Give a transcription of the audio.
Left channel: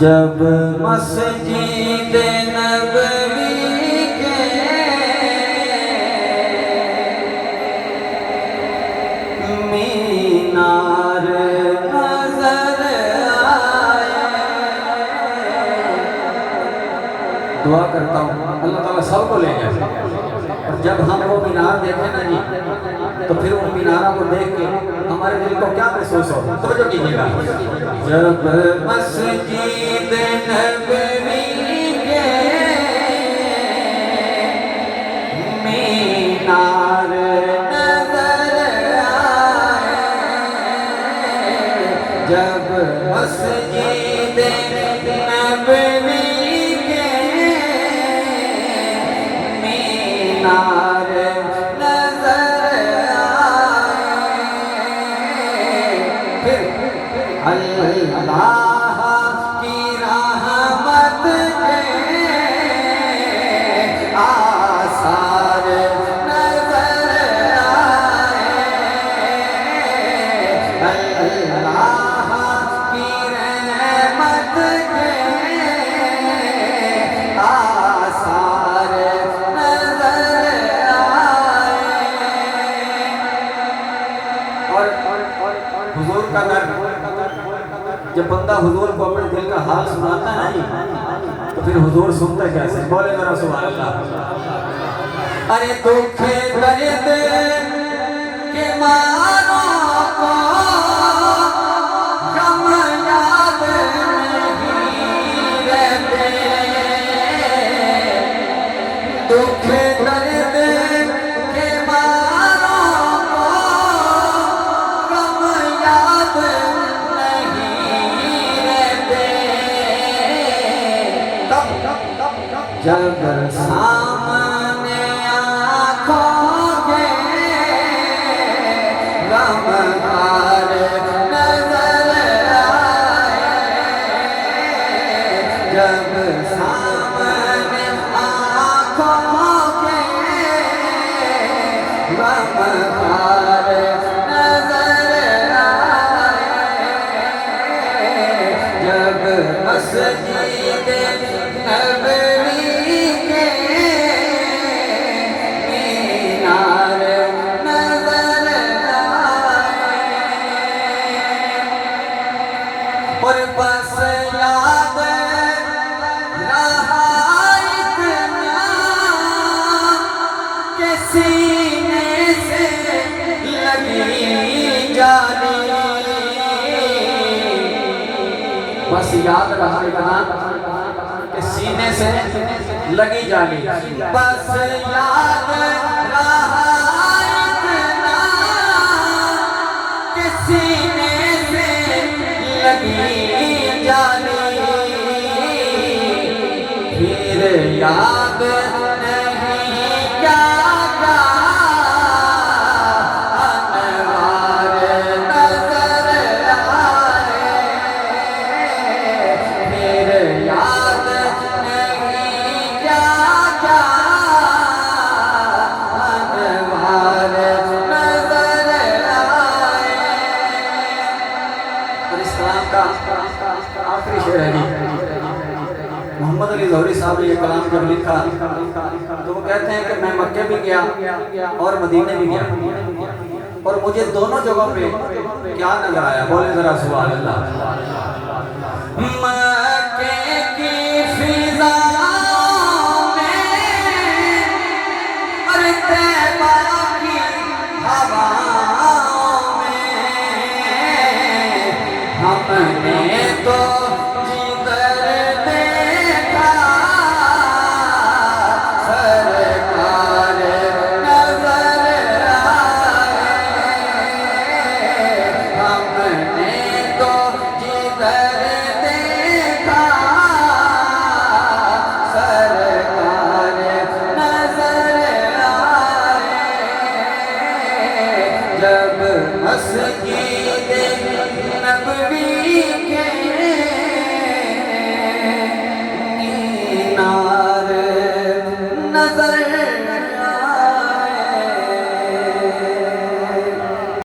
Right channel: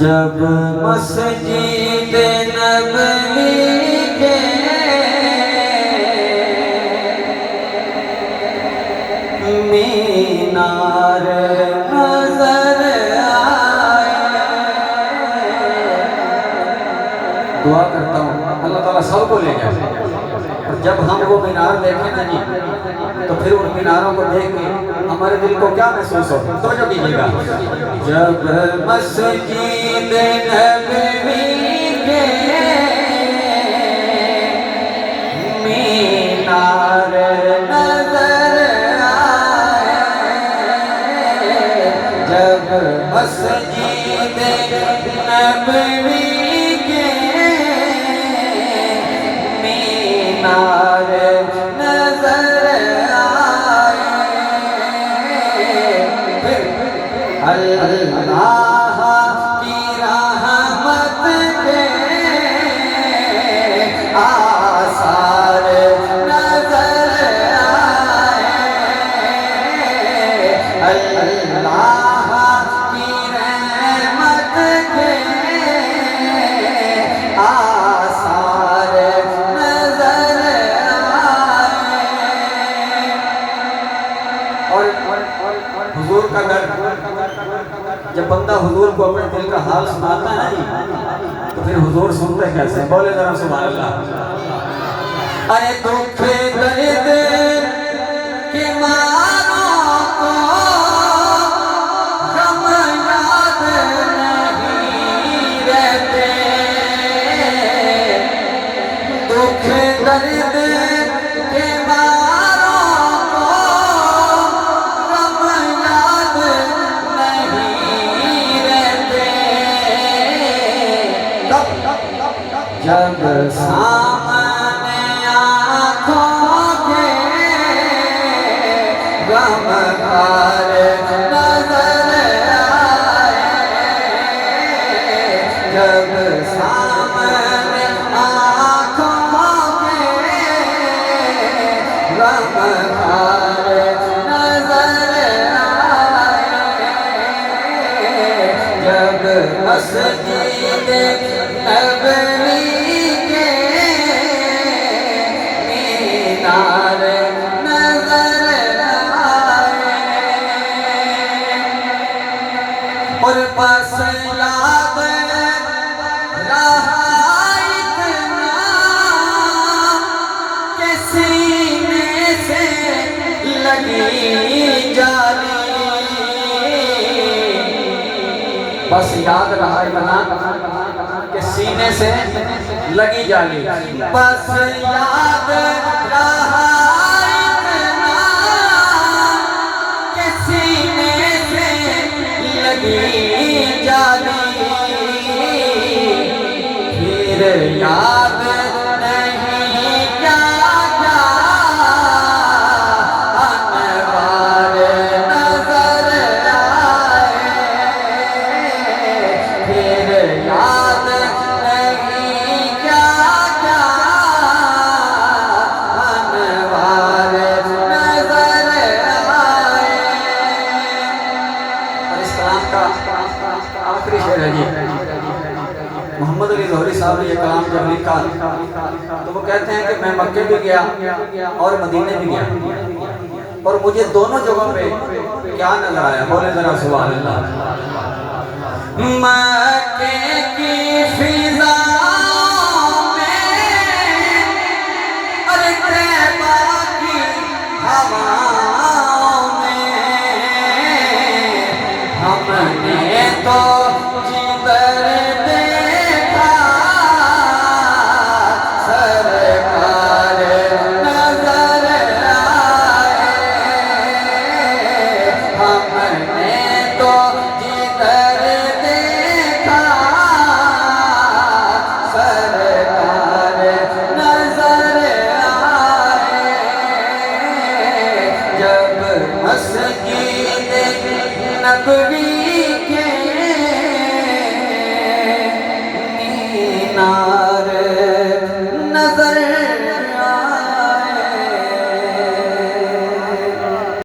जब मस्जिद नबवी के मीनार नजर आए, दुआ करता हूँ अल्लाह ताला सबको ले जाए। और जब हम वो मीनार देखें ना जी, तो फिर उन मीनारों को देख के हमारे दिल को क्या महसूस हो, तो जो कीजिएगा। जब मस्जिद नबवी के मीनार नजर आए, जब मस्जिद नबवी के मीनार नजर अल्लाह की रहमत के आसार नजर आए, अल्लाह की रहमत के आसार नजर आए। और हुजूर का दर, जब बंदा हुजूर को अपने दिल का हाल सुनाता है तो फिर हुजूर सुनते कैसे, बोले जरा सुभान अल्लाह। अरे दुख दर्द के मारों को गम याद नहीं रहते, दुख दर्द के मारों को गम याद जब सामने आँखों के गमखार नजर आए, जब सामने आँखों के गमखार नजर आए, जब मस्जिद नबवी के मीनार नजर आए। और बस याद रहा इतना कि सीने से लगी जाली, बस याद रहा इतना कि सीने से लगी जाली, बस याद रहा इतना कि सीने से लगी जाली, फिर याद नहीं क्या क्या अनवार नजर आए, फिर याद नहीं क्या क्या अनवार नजर आए। इस कलाम का आखिरी शेर है जी, मोहम्मद अली लाहौरी साहब ने ये कलाम जब लिखा तो वो कहते हैं कि मैं मक्के भी गया और मदीने भी गया, और मुझे दोनों जगहों पे क्या नजर आया, बोले जरा सुभान अल्लाह। मक्के की फिजाओं में और तैबा की हवाओं में हमने तो जिधर देखा सरकार नजर आए, हमने तो जिधर देखा सरकार नजर आए, जब मस्जिद नबवी